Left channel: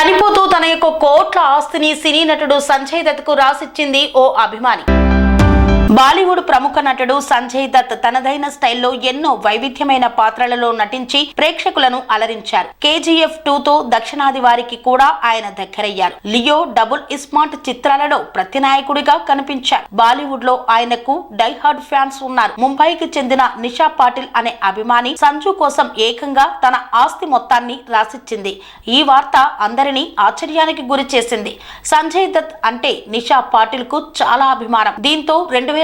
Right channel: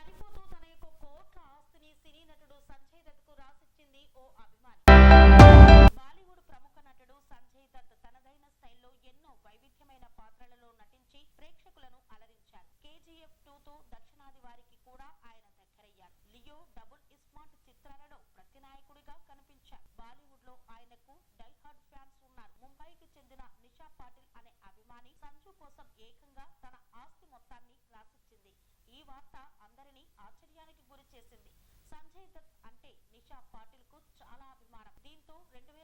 చనిపోతూ తన యొక్క కోట్ల ఆస్తిని సినీ నటుడు సంజయ్ దత్ కు రాసిచ్చింది ఓ అభిమాని. బాలీవుడ్ ప్రముఖ నటుడు సంజయ్ దత్ తనదైన స్టైల్లో ఎన్నో వైవిధ్యమైన పాత్రలలో నటించి ప్రేక్షకులను అలరించారు. KGF 2తో దక్షిణాది వారికి కూడా ఆయన దగ్గరయ్యారు. లియో, డబుల్ ఇస్మార్ట్ చిత్రాలలో ప్రతినాయకుడిగా కనిపించారు. బాలీవుడ్ లో ఆయనకు డై హార్డ్ ఫ్యాన్స్ ఉన్నారు. ముంబైకి చెందిన నిషా పాటిల్ అనే అభిమాని సంజు కోసం ఏకంగా తన ఆస్తి మొత్తాన్ని రాసిచ్చింది. ఈ వార్త అందరినీ ఆశ్చర్యానికి గురి చేసింది. సంజయ్ దత్ అంటే నిషా పాటిల్ కు చాలా అభిమానం. దీంతో 2018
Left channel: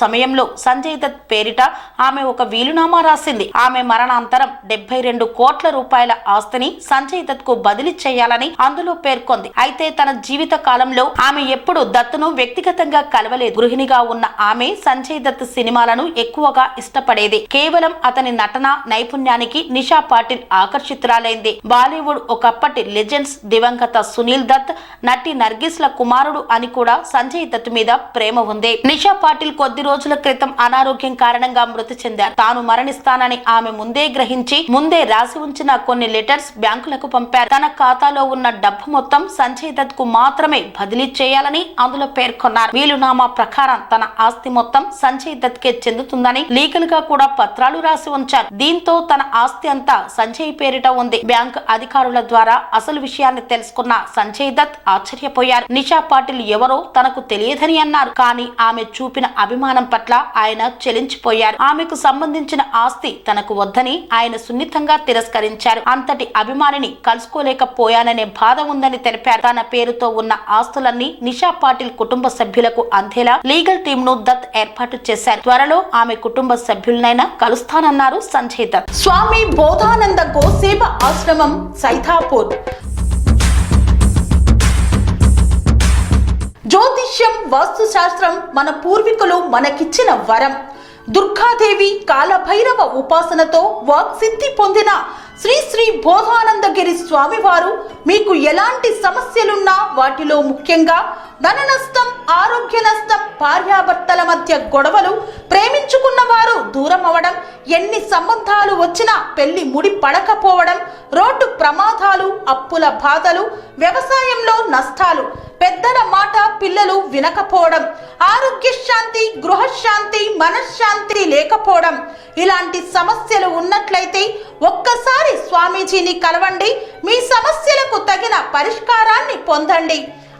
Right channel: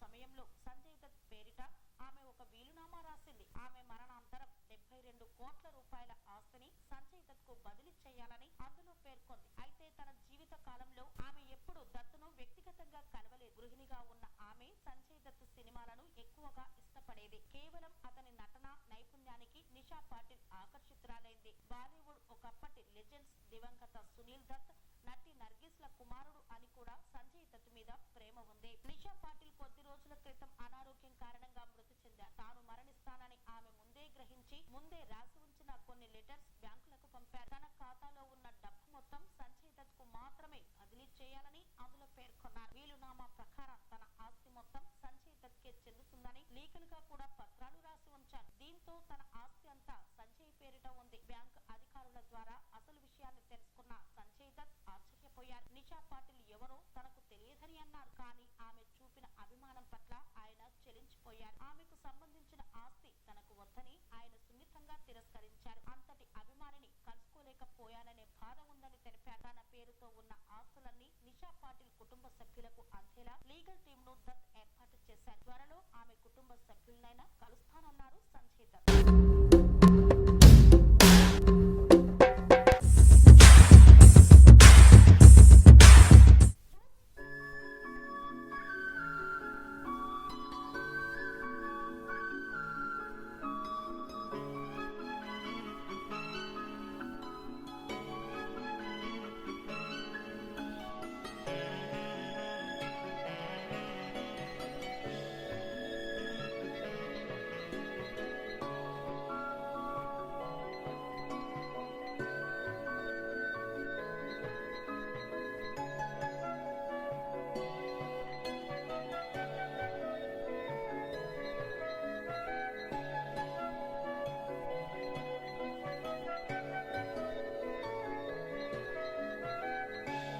సమయంలో సంజయ్ దత్ పేరిట ఆమె ఒక వీలునామా రాసింది. ఆమె మరణాంతరం 72 కోట్ల రూపాయల ఆస్తిని సంజయ్ దత్ కు బదిలీ చేయాలని అందులో పేర్కొంది. అయితే తన జీవిత కాలంలో ఆమె ఎప్పుడు దత్తును వ్యక్తిగతంగా కలవలేదు. గృహిణిగా ఉన్న ఆమె సంజయ్ దత్ సినిమాలను ఎక్కువగా ఇష్టపడేది. కేవలం అతని నటన నైపుణ్యానికి నిషా పాటిల్ ఆకర్షితురాలైంది. బాలీవుడ్ ఒకప్పటి లెజెండ్స్ దివంగత సునీల్ దత్, నటి నర్గిస్ ల కుమారుడు అని కూడా సంజయ్ దత్ మీద ప్రేమ ఉంది. నిషా పాటిల్ కొద్ది రోజుల క్రితం అనారోగ్యం కారణంగా మృతి చెందారు. తాను మరణిస్తానని ఆమె ముందే గ్రహించి ముందే రాసి ఉంచిన కొన్ని లెటర్స్ బ్యాంకులకు పంపారు. తన ఖాతాలో ఉన్న డబ్బు మొత్తం సంజయ్ దత్ కు మాత్రమే బదిలీ చేయాలని అందులో పేర్కొన్నారు. వీలునామా ప్రకారం తన ఆస్తి మొత్తం సంజయ్ దత్ కే చెందుతుందని లీగల్ గా కూడా పత్రాలు రాసి ఉంచారు. దీంతో తన ఆస్తి అంతా సంజయ్ పేరిట ఉంది. బ్యాంకు అధికారుల ద్వారా అసలు విషయాన్ని తెలుసుకున్న సంజయ్ దత్ ఆశ్చర్యపోయారు. నిషా పాటిల్ ఎవరో తనకు తెలియదని అన్నారు. కానీ ఆమె చూపిన అభిమానం పట్ల ఆయన చెలించిపోయారు. ఆమెకు సంబంధించిన ఆస్తి తనకు వద్దని ఆయన సున్నితంగా తిరస్కరించారు. అంతటి అభిమానిని కలుసుకోలేకపోయాననే బాధ ఉందని తెలిపారు. తన పేరుతో ఉన్న ఆస్తులన్నీ నిషా పాటిల్ కుటుంబ సభ్యులకు అందేలా లీగల్ టీమ్ ను దత్ ఏర్పాటు చేశారు. త్వరలో ఆమె కుటుంబ సభ్యులనైనా కలుస్తానన్నారు సంజయ్ దత్. స్వామి బోధానంద గోసేవ ఆశ్రమం సైథాపూర్. జ్యోతిష్యం, వాస్తుశాస్త్రం మన పూర్వీకులు మనకిచ్చిన వరం. దుర్గాదేవి, కాలభైరవ ఉపాసనతో వాక్సిద్ధి పొందిన శ్రీ శ్రీ బోధానందగిరి స్వామివారు మీకు ఎలాంటి సమస్యలున్నా, వాటిలో ముఖ్యంగా ధన నష్టం, ఆరోగ్య నష్టం, భార్యాభర్తల మధ్య గొడవలు, ప్రేమించుకున్న వారు దూరం అవడం, ఎన్ని సంబంధాలు వచ్చినా పెళ్లి ముడి పడకపోవడం, రోడ్డు ప్రమాదాలు, అప్పుల బాధలు, వ్యవసాయంలో నష్టాలు, పెద్దల మాట పిల్లలు వినకపోవడం, ఆరోగ్య శాంతి, గృహశాంతి, మనశ్శాంతి లేకపోవడం, ఇలాంటి సమస్యలు ఉన్నట్లయితే ఒక్కసారి స్వామీజీని కలవండి. మీ సమస్యలకు తగిన పరిష్కారాన్ని పొందండి.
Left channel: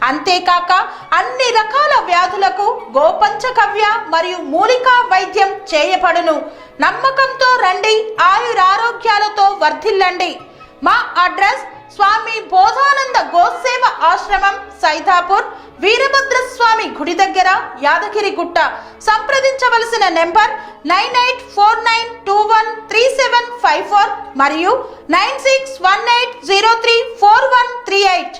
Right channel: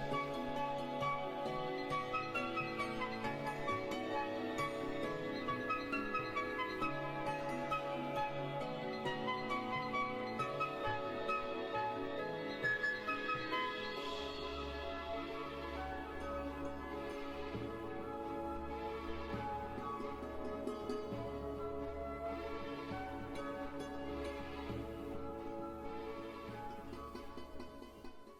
అంతేకాక అన్ని రకాల వ్యాధులకు గోపంచకవ్య మరియు మూలికా వైద్యం చేయబడును. నమ్మకంతో రండి, ఆయురారోగ్యాలతో వర్ధిల్లండి. మా అడ్రస్ స్వామి బోధానంద గోసేవ ఆశ్రమం, సైథాపూర్, వీరభద్రస్వామి గుడి దగ్గర, యాదగిరిగుట్ట. సంప్రదించవలసిన నెంబర్ 9849213754 మరియు 9618034138.